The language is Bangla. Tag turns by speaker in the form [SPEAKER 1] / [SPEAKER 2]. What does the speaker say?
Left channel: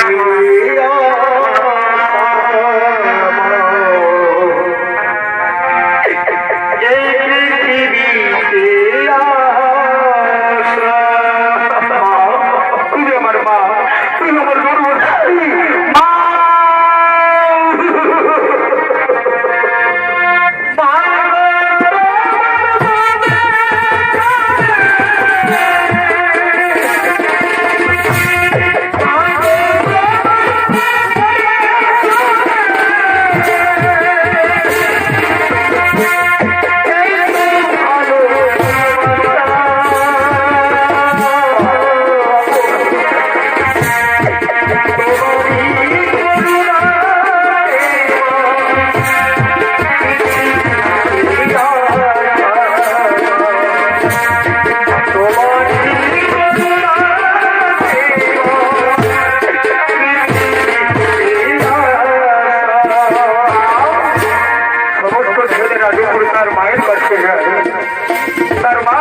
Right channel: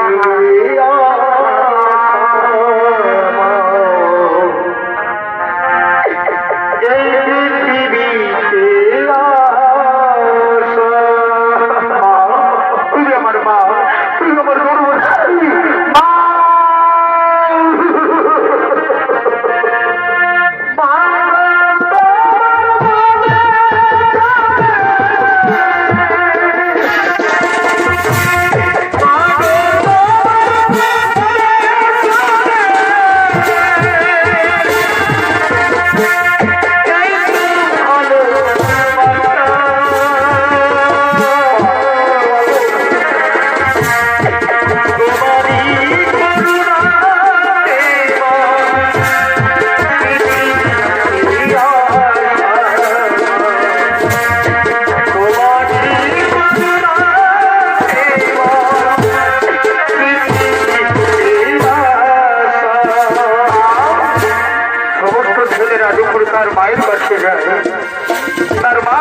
[SPEAKER 1] Thank you. সমস্ত ছেলেরা দুপুর তার মায়ের কাছে যায়। তার মা